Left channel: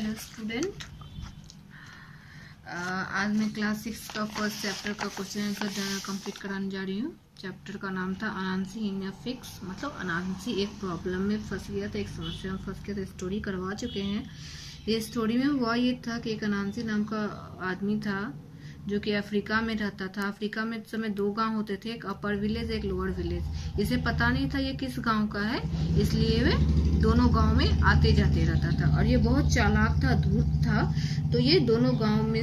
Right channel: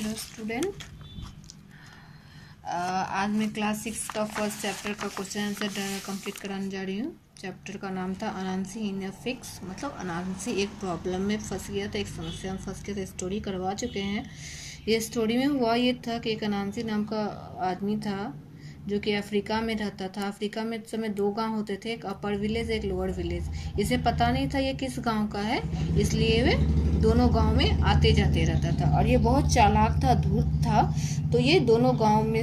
Hello student, आज मैं class 6 का फर्स्ट चैप्टर का क्वेश्चन आंसर कंप्लीट कराने जा रही हूँ। चैप्टर का नाम था अनांसी इन अ फिक्स, मतलब अनांसी एक प्रॉब्लम में फंस गया था, एक समस्या में फंस गया था। स्टोरी करवा चुके हैं। ये स्टोरी में हुआ ये था कि एक अनांसी नाम का आदमी था जो कि अफ्रीका में रहता था। अफ्रीका में इस समय 2 गांव होते थे, एक अपर विलेज एक लोअर विलेज। इसे पता नहीं था ये किस गांव का है, इसलिए वे दोनों गांव में आते जाते रहता था। और ये बहुत चालाक था, धूर्त था, तो ये दोनों गांव में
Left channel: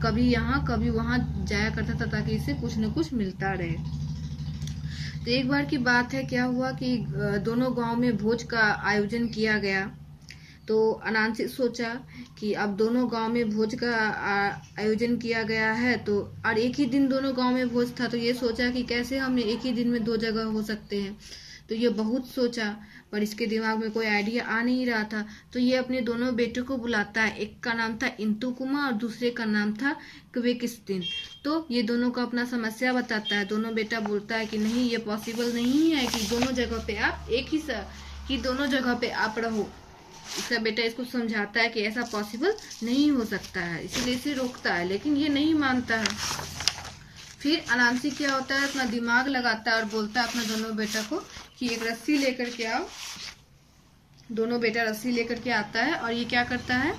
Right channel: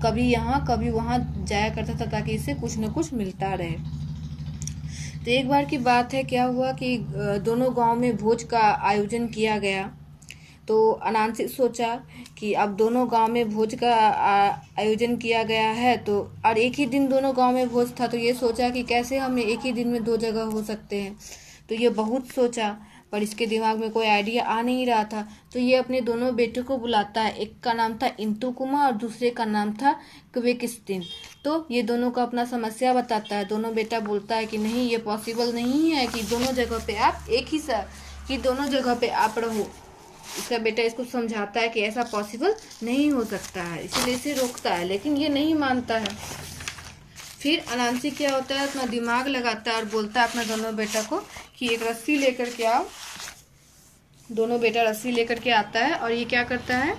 कभी यहाँ कभी वहां जाया करता था ताकि इससे कुछ न कुछ मिलता रहे। तो एक बार की बात है, क्या हुआ कि दोनों गांव में भोज का आयोजन किया गया। तो अनांसी सोचा कि अब दोनों गांव में भोज का आयोजन किया गया है, तो और एक ही दिन दोनों गांव में भोज था, तो ये सोचा कि कैसे हम एक ही दिन में 2 जगह हो सकते हैं। तो ये बहुत सोचा, पर इसके दिमाग में कोई आइडिया आ नहीं रहा था। तो ये अपने दोनों बेटों को बुलाता है। एक का नाम था इंतुकुमा और दूसरे का नाम था क्वेकिस्तिन। तो ये दोनों को अपना समस्या बताता है। दोनों बेटा बोलता है कि नहीं, ये पॉसिबल नहीं है कि दोनों जगह पे आप एक ही साथ कि दोनों जगह पे आप रहो। इसका बेटा इसको समझाता है कि ऐसा पॉसिबल नहीं हो सकता है, इसीलिए इसे रोकता है, लेकिन ये नहीं मानता है। फिर अनांसी क्या होता है, अपना दिमाग लगाता है और बोलता है अपना दोनों बेटा को कि एक रस्सी लेकर के आओ। दोनों बेटा रस्सी लेकर के आता है और ये क्या करता है,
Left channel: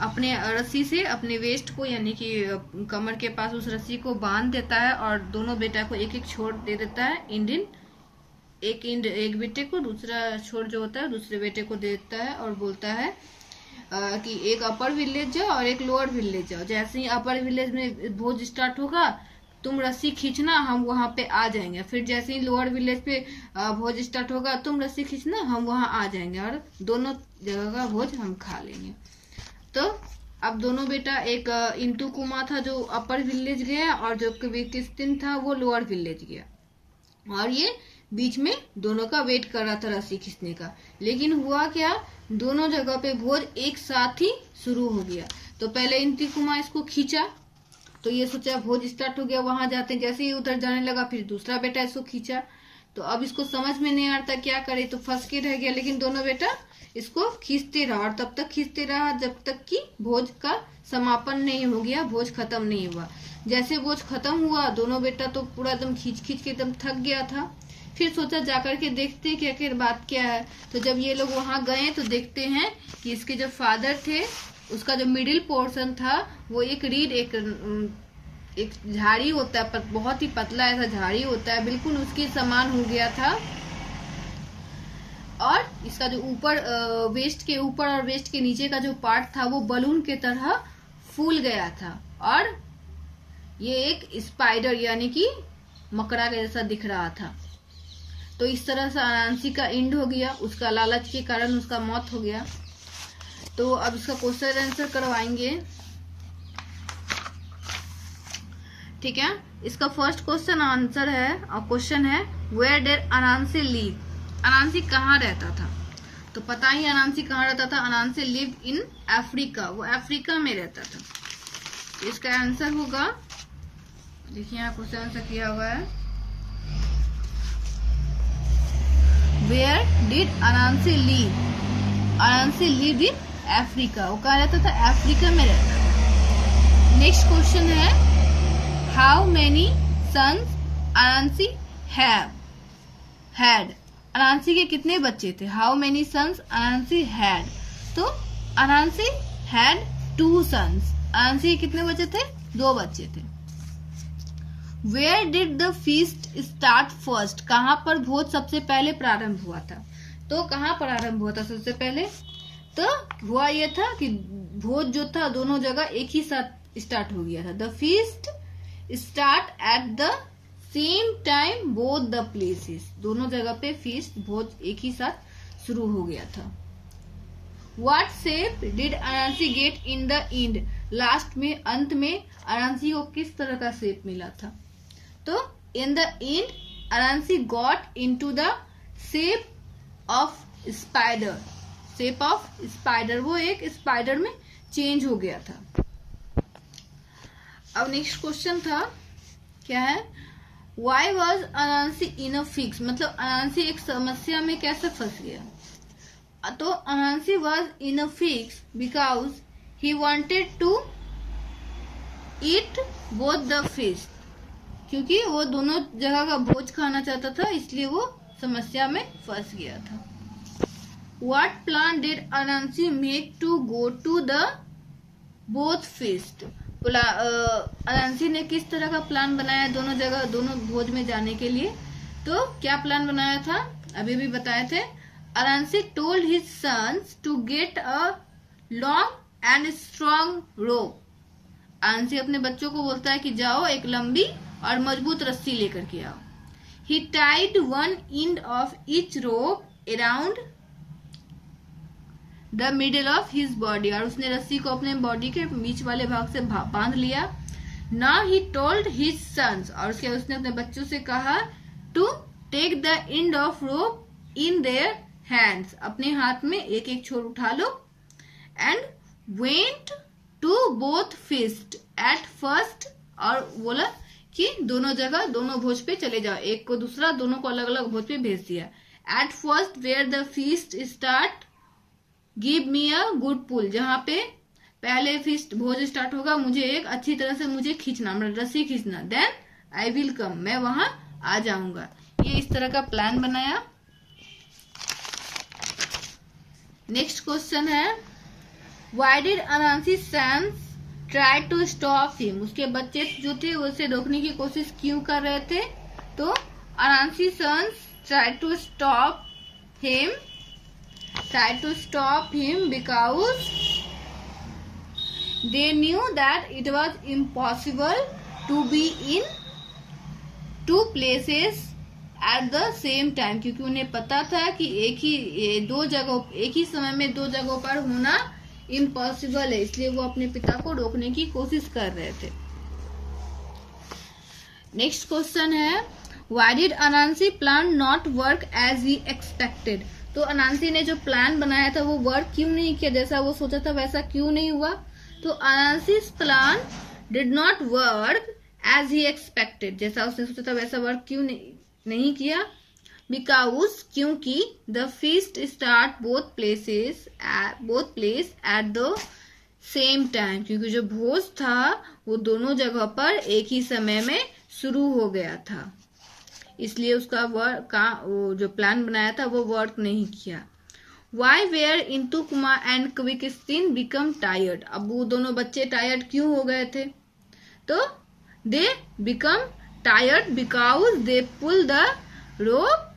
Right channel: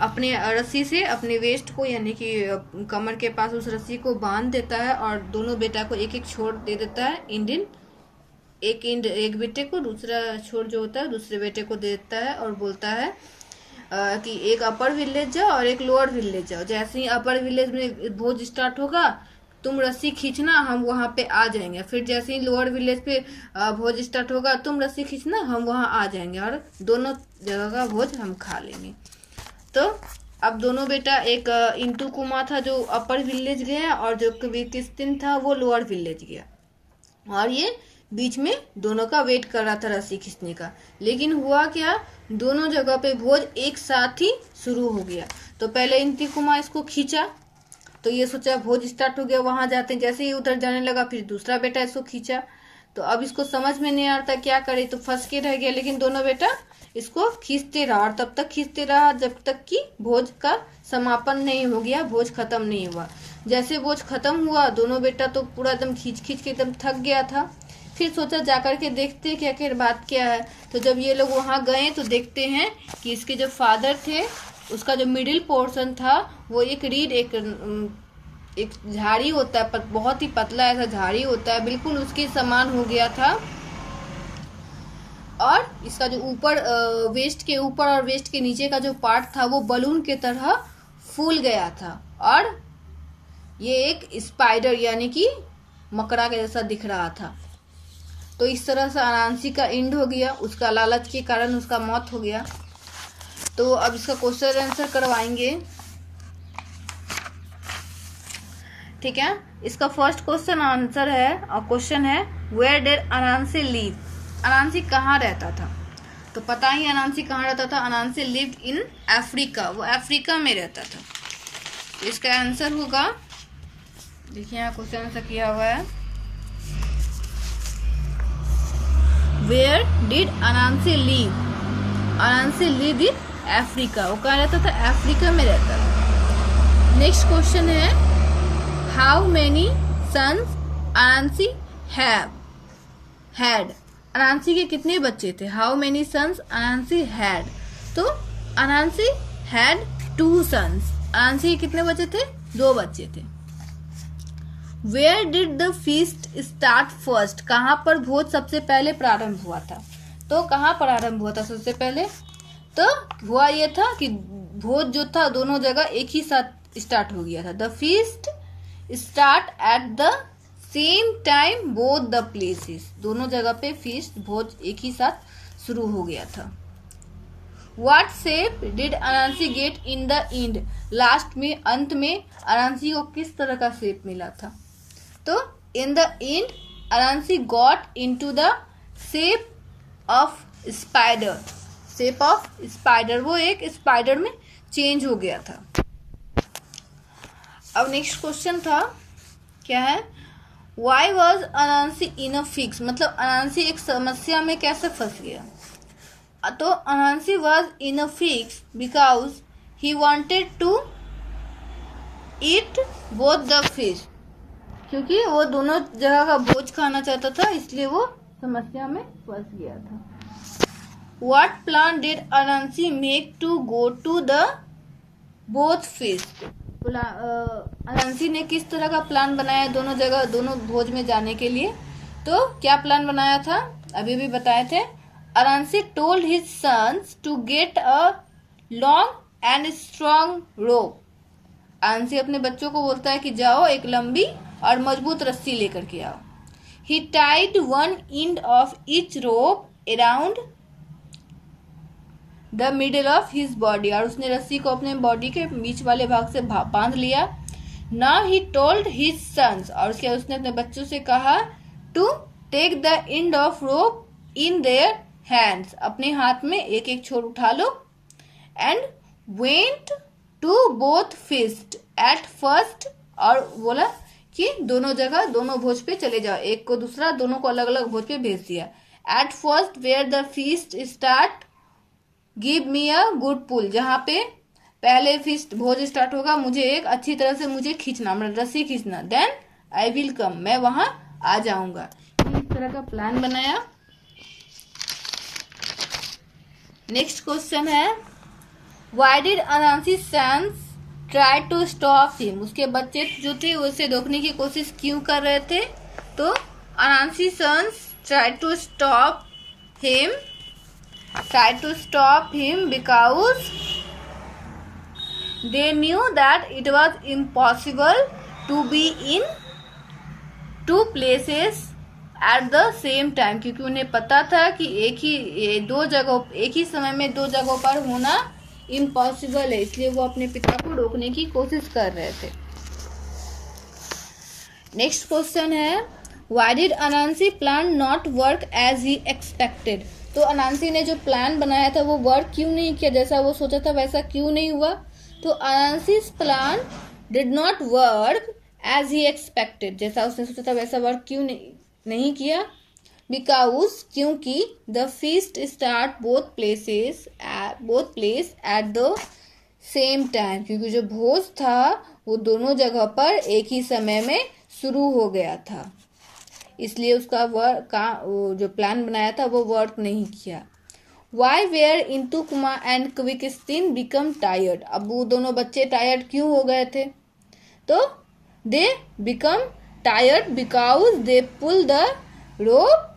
अपने रस्सी से अपने वेस्ट को यानी कि कमर के पास उस रस्सी को बांध देता है और दोनों बेटा को एक एक छोर दे देता है। एक बेटे को, दूसरा छोर जो होता है दूसरे बेटे को दे देता है और बोलता है कि एक अपर विलेज जाओ और एक लोअर विलेज जाओ। जैसे ही अपर विलेज में भोज स्टार्ट होगा, तुम रस्सी खींचना, हम वहां पे आ जाएंगे। फिर जैसे ही लोअर विलेज पे भोज स्टार्ट होगा, तुम रस्सी खींचना, हम वहां आ जाएंगे और दोनों जगह का भोज हम खा लेंगे। तो अब दोनों बेटा, एक इंतुकुमा था जो अपर विलेज गया और जो क्वेकिस्तिन था वो लोअर विलेज गया, और ये बीच में दोनों का वेट कर रहा था रस्सी खींचने का। लेकिन हुआ क्या, दोनों जगह पे भोज एक साथ ही शुरू हो गया। तो पहले इंतुकुमा इसको खींचा, तो ये सोचा भोज स्टार्ट हो गया, वहां जाते हैं। जैसे ही उधर जाने लगा, फिर दूसरा बेटा इसको खींचा। तो अब इसको समझ में नहीं आता क्या करे, तो फंस के रह गया। लेकिन दोनों बेटा इसको खींचते रहा और तब तक खींचते रहा जब तक कि भोज का समापन नहीं हो गया, भोज खत्म नहीं हुआ। जैसे भोज खत्म हुआ, दोनों बेटा तो पूरा एकदम खींच खींच के एकदम थक गया था। फिर सोचा जाकर के देखते क्या क्या बात क्या है। तो जब ये लोग वहां गए तो देखते हैं कि इसके जो फादर थे, उसका जो मिडिल पोर्शन था वो एक रीड, एक झाड़ी होता है, बहुत ही पतला ऐसा झाड़ी होता है, बिल्कुल उसके समान हो गया था। और इसका जो ऊपर वेस्ट के ऊपर और वेस्ट के नीचे का जो पार्ट था वो बलून के तरह फूल गया था। और ये एक स्पाइडर यानी कि मकड़ा के जैसा दिख रहा था। तो इस तरह से अनांसी का एंड हो गया, उसका लालच के कारण उसका मौत हो गया। तो अब इसका क्वेश्चन आंसर करवाएंगे, ठीक है। इसका फर्स्ट क्वेश्चन आंसर है और क्वेश्चन है, वेयर डिड अनांसी लिव? अनांसी कहाँ रहता था? तो पता ही अनांसी कहाँ रहता था। अनांसी लिव्ड इन अफ्रीका, वो अफ्रीका में रहता था। तो इसका आंसर होगा, देखिए यहाँ क्वेश्चन आंसर किया हुआ है, where did Anansi live? Anansi live in Africa, वो कहाँ रहता था? अफ्रीका में रहता था। नेक्स्ट क्वेश्चन है, how many sons Anansi had? Anansi के कितने बच्चे थे? How many sons Anansi had? तो अनांसी हैड 2 सन्स। अनांसी के कितने बच्चे थे? 2 बच्चे थे। Where did the feast start first? कहाँ पर भोज सबसे पहले प्रारंभ हुआ था? तो कहाँ प्रारंभ हुआ था सबसे पहले? तो हुआ यह था कि भोज जो था दोनों जगह एक ही साथ स्टार्ट हो गया था। The feast start at the same time both the places. दोनों जगह पे फीस्ट भोज एक ही साथ शुरू हो गया था। What shape did Anansi get in the end? Last में, अंत में अनांसी को किस तरह का शेप मिला था? तो in the end Anansi got into the shape of spider. Shape of spider, वो एक स्पाइडर में चेंज हो गया था। अब नेक्स्ट क्वेश्चन था, क्या है, why was Anansi in a fix? मतलब अनांसी एक समस्या में कैसे फंस गया? तो Anansi was in a fix because he wanted to eat both the fish, क्योंकि वो दोनों जगह का भोज खाना चाहता था, इसलिए वो समस्या में फंस गया था। What plan did Anansi make to go to the both feast? अनांसी ने किस तरह का प्लान बनाया दोनों जगह दोनों भोज में जाने के लिए? तो क्या प्लान बनाया था अभी भी बताए थे। Anansi told his sons to get a long and strong rope. Anansi अपने बच्चों को बोलता है कि जाओ एक लंबी और मजबूत रस्सी लेकर के आओ। He tied one end of each rope around the middle of his body, और उसने रस्सी को अपने बॉडी के बीच वाले भाग से बांध लिया। Now he told his sons, और उसने अपने बच्चों से कहा to take the end of rope in their hands, अपने हाथ में एक एक छोर उठा लो। And went to both feast at first, और बोला कि दोनों जगह दोनों भोज पे चले जाओ, एक को दूसरा दोनों को अलग अलग भोज पे भेज दिया। At first where the feast start give me a good pull, जहाँ पे पहले फीस्ट भोज स्टार्ट होगा मुझे एक अच्छी तरह से मुझे खींचना, मतलब रस्सी खींचना। देन आई विल कम, मैं वहां आ जाऊंगा। ये इस तरह का प्लान बनाया। नेक्स्ट क्वेश्चन है why did Anansi sons try to stop him, उसके बच्चे जो थे उसे रोकने की कोशिश क्यों कर रहे थे? तो Anansi sons try to stop him because they knew that it was impossible to be in two places at the same time, क्योंकि उन्हें पता था कि एक ही समय में दो जगहों पर होना इम्पॉसिबल है, इसलिए वो अपने पिता को रोकने की कोशिश कर रहे थे। नेक्स्ट क्वेश्चन है why did Anansi plan not work as he expected, तो अनांसी ने जो प्लान बनाया था वो वर्क क्यों नहीं किया, जैसा वो सोचा था वैसा क्यों नहीं हुआ? तो Anansi's plan did not work as he expected, जैसा उसने सोचा था वैसा वर्क क्यों नहीं किया? बिकॉज क्योंकि the feast start both place at the same time, क्योंकि जो भोज था वो दोनों जगह पर एक ही समय में शुरू हो गया था, इसलिए उसका जो प्लान बनाया था वो वर्क नहीं किया। Why were Intikuma and Kweku Tsin become tired, अब वो दोनों बच्चे टायर्ड क्यों हो गए थे? तो they become tired because they pull the rope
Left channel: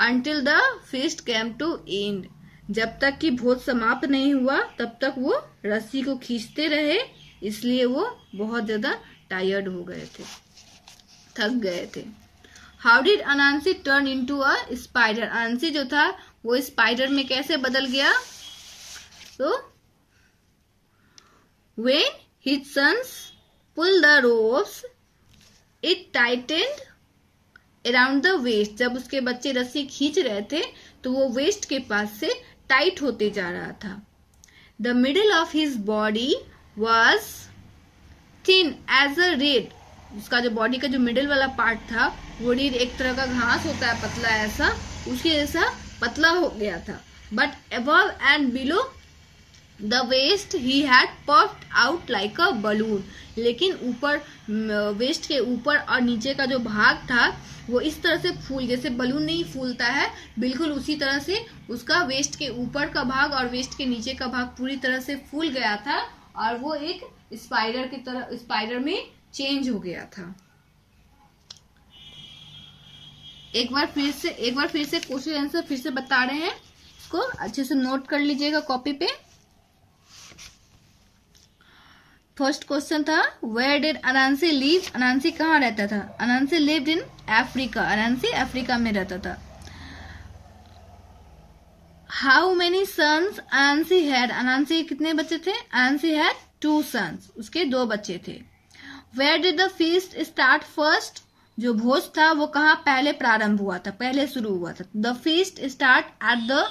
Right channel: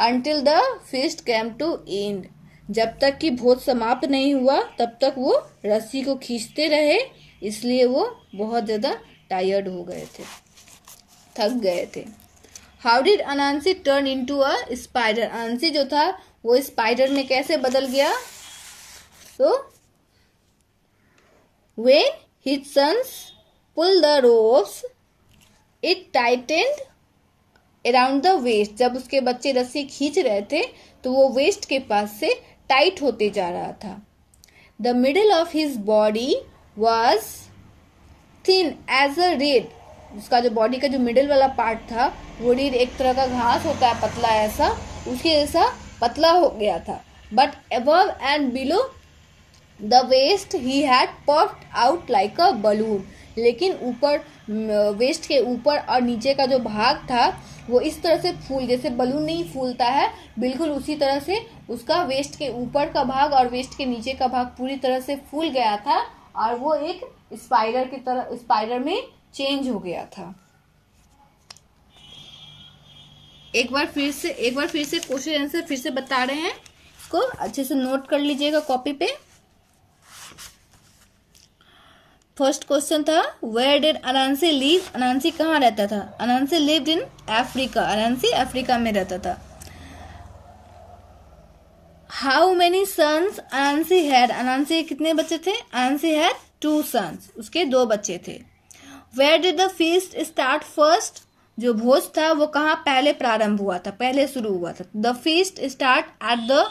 until the feast came to end, जब तक कि भोज समाप्त नहीं हुआ तब तक वो रस्सी को खींचते रहे, इसलिए वो बहुत ज्यादा टायर्ड हो गए थे, थक गए थे। How did Anansi turn into a spider, Anansi जो था वो स्पाइडर में कैसे बदल गया? तो when his sons pull the ropes it tightened around the waist, जब उसके बच्चे रस्सी खींच रहे थे तो वो वेस्ट के पास से टाइट होते जा रहा था। The middle of his body was thin as a reed, उसका जो बॉडी का जो मिडिल वाला पार्ट था वो रीड एक तरह का घास होता है पतला, ऐसा उसके जैसा पतला हो गया था। But above and below the waist he had puffed out like a balloon, लेकिन ऊपर वेस्ट के ऊपर और नीचे का जो भाग था वो इस तरह से जैसे बलून नहीं फूलता है, बिल्कुल उसी तरह से उसका वेस्ट के ऊपर का भाग और वेस्ट के नीचे का भाग पूरी तरह से फूल गया था और वो एक स्पाइडर की तरह स्पाइडर में चेंज हो गया था। एक बार फिर से क्वेश्चन आंसर फिर से बता रहे हैं, इसको अच्छे से नोट कर लीजिएगा कॉपी पे। फर्स्ट क्वेश्चन था वेयर डिड अनांसी लिव, अनांसी कहाँ रहता था? अनांसी लिव्ड इन अफ्रीका, अनांसी अफ्रीका में रहता था। How many sons Anansi had, अनांसी कितने बच्चे थे? अनांसी हैड 2 सन्स, उसके 2 बच्चे थे। Where did the feast start first, जो भोज था वो कहाँ पहले प्रारंभ हुआ था, पहले शुरू हुआ था। The feast start at the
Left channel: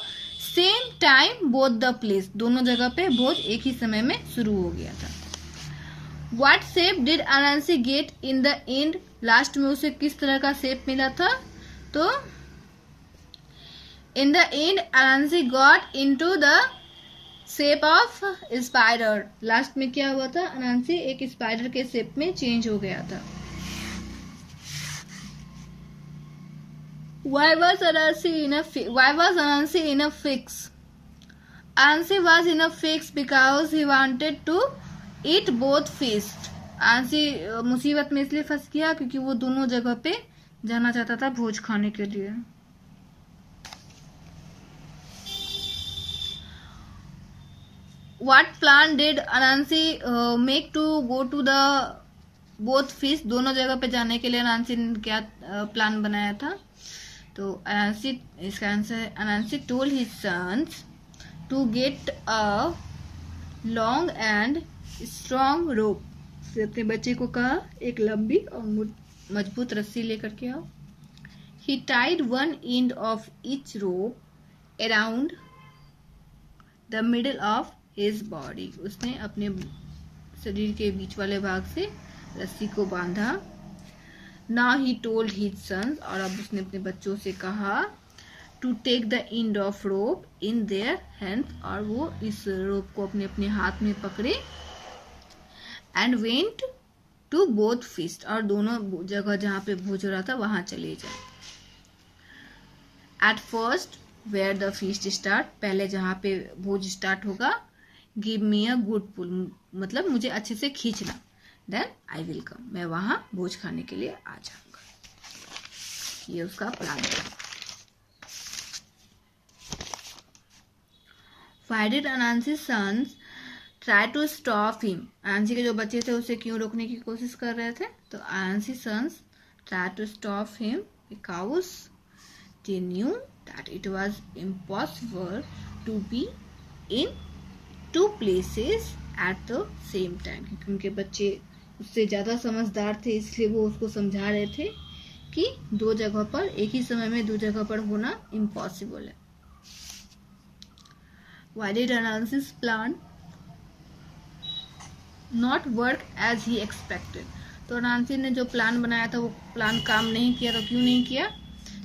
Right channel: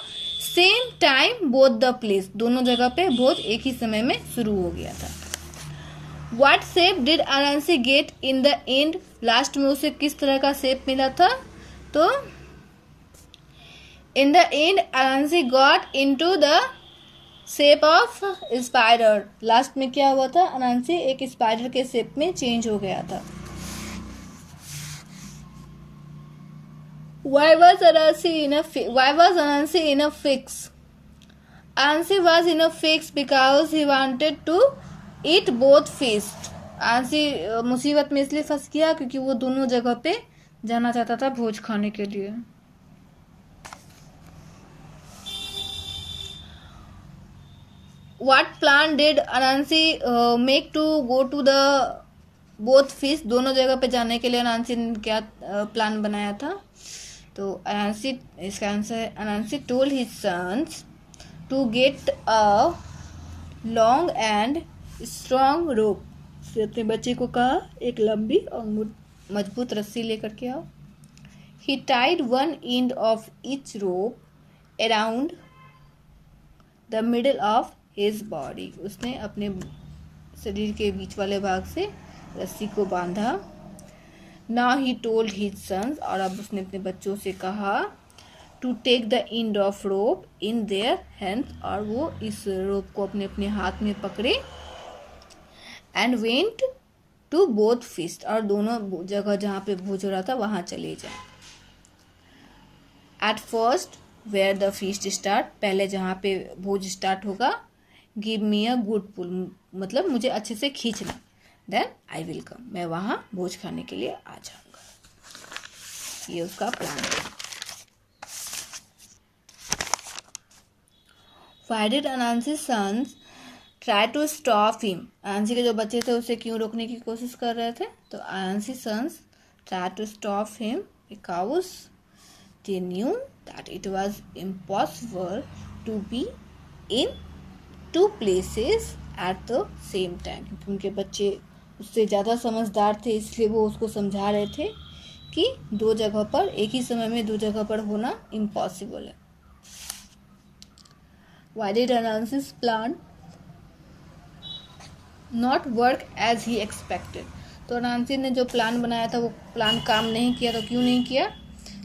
same time both the place, दोनों जगह पे भोज एक ही समय में शुरू हो गया था। What shape did Anansi get in the end, last में उसे किस तरह का शेप मिला था? तो in the end Anansi got into the shape of spider. Last में क्या हुआ था, अनांसी एक स्पाइडर के शेप में चेंज हो गया था। Why was Anansi in a fix? Anansi was in a fix because he wanted to eat both feast. Anansi मुसीबत में इसलिए फंस गया क्योंकि वो दोनों जगह पे जाना चाहता था भोज खाने के लिए। What plan did Anansi make to go to the both feast? दोनों जगह पे जाने के लिए अनांसी ने क्या प्लान बनाया था? तो अनांसी, इसका आंसर है Anansi told his sons to get a long and strong rope. उसने अपने बच्चे को कहा एक लंबी और मजबूत रस्सी लेकर के आओ। He tied one end of each rope around the middle of his body. उसने अपने शरीर के बीच वाले भाग से रस्सी को बांधा। Now he told his sons, और अब उसने अपने बच्चों से कहा to take the end of rope in their hands, और वो इस रोप को अपने अपने हाथ में पकड़े and went to both feast, और दोनों जगह जहाँ पे भोज हो रहा था वहां चले जाए। At first where the feast start, पहले जहाँ पे भोज स्टार्ट होगा, give me a good pull, मतलब मुझे अच्छे से खींचना, then I will come, मैं वहां भोज खाने के लिए आ जाऊंगा। ये उसका प्लान था। Why did Anansi's sons try to stop him? अनांसी के जो बच्चे थे उसे क्यों रोकने की कोशिश कर रहे थे? तो Anansi's sons tried to stop him because they knew that it was impossible to be in two places at the same time। क्योंकि उनके बच्चे उससे ज्यादा समझदार थे, इसलिए वो उसको समझा रहे थे कि दो जगह पर एक ही समय में दो जगह पर होना इम्पॉसिबल है। Why did Anansi's plan not work as he expected? तो अनांसी ने जो प्लान बनाया था वो प्लान काम नहीं किया। तो क्यों नहीं किया?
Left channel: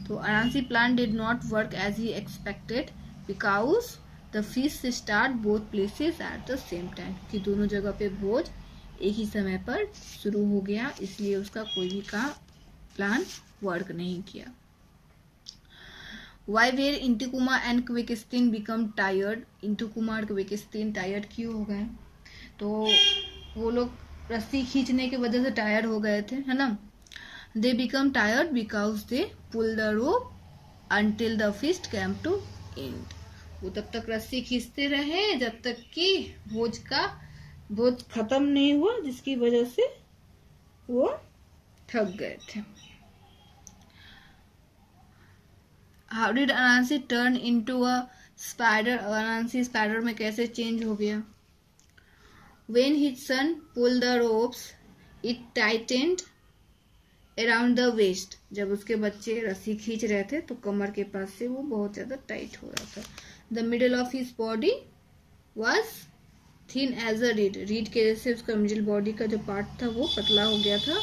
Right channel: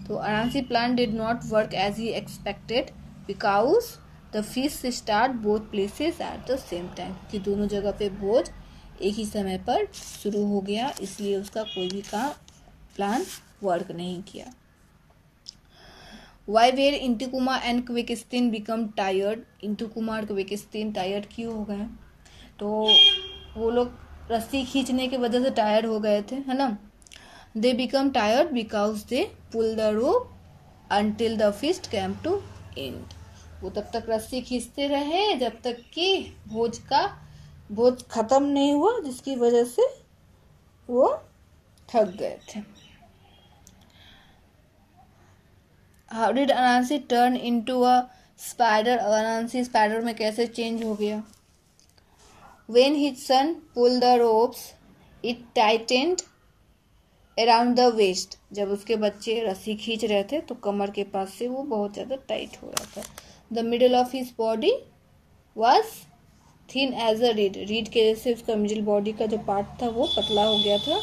तो अनांसी plan did not work as he expected because the feast start both places at the same time। कि दोनों जगह पे भोज एक ही समय पर शुरू हो गया, इसलिए उसका कोई भी का प्लान वर्क नहीं किया। Why were Intikuma and Kweku Tsin become tired? Intikuma और क्विकस्तीन टायर्ड क्यों हो गए? तो वो लोग रस्सी खींचने की वजह से टायर्ड हो गए थे, है ना। They become tired because they pull the rope until the feast came to end. वो तब तक रस्सी खींचते रहे जब तक कि भोज खत्म नहीं हुआ, जिसकी वजह से वो थक गए थे। How did Anansi turn into a spider? Anansi spider में कैसे चेंज हो गया? When his son pulled the ropes, it tightened around the waist। जब उसके बच्चे रस्सी खींच रहे थे तो कमर के पास से वो बहुत ज्यादा टाइट हो रहा था। The middle of his body was thin as a reed। Read के वजह से उसका मिडिल बॉडी का जो पार्ट था वो पतला हो गया था।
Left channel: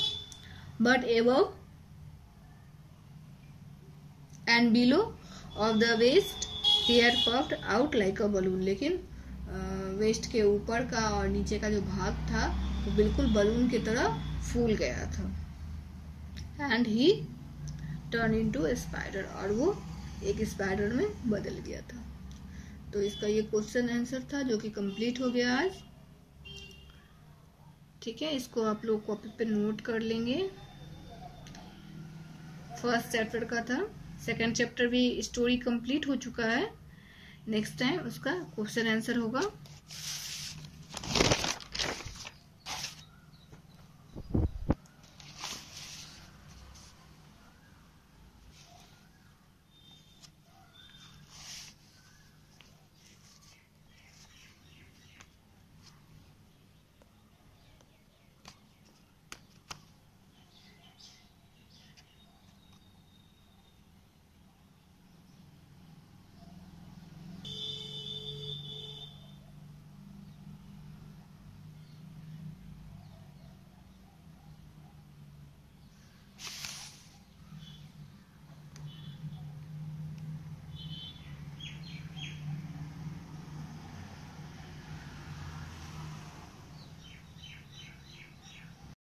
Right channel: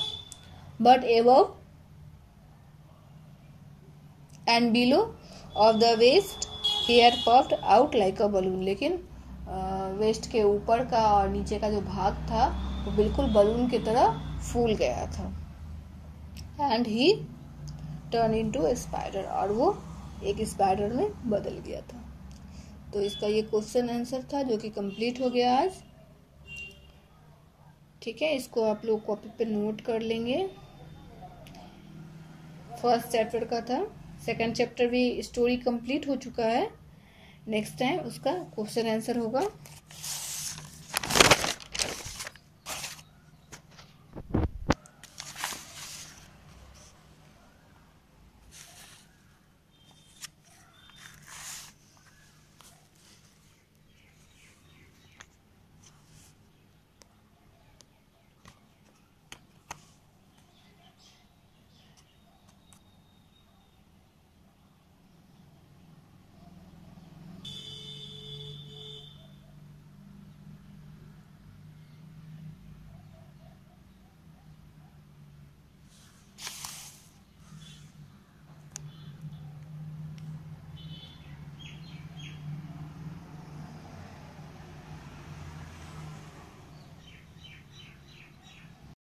But above and below of the waist hair puffed out like a balloon। लेकिन वेस्ट के ऊपर का और नीचे का जो भाग था वो बिल्कुल बलून की तरह फूल गया था। And he turn into A spider, और वो एक स्पाइडर में बदल गया था। तो इसका ये क्वेश्चन आंसर था जो कि कंप्लीट हो गया आज। ठीक है, इसको आप लोग कॉपी पे नोट कर लेंगे। फर्स्ट चैप्टर का था, सेकंड चैप्टर भी स्टोरी कंप्लीट हो चुका है। नेक्स्ट टाइम उसका क्वेश्चन आंसर होगा।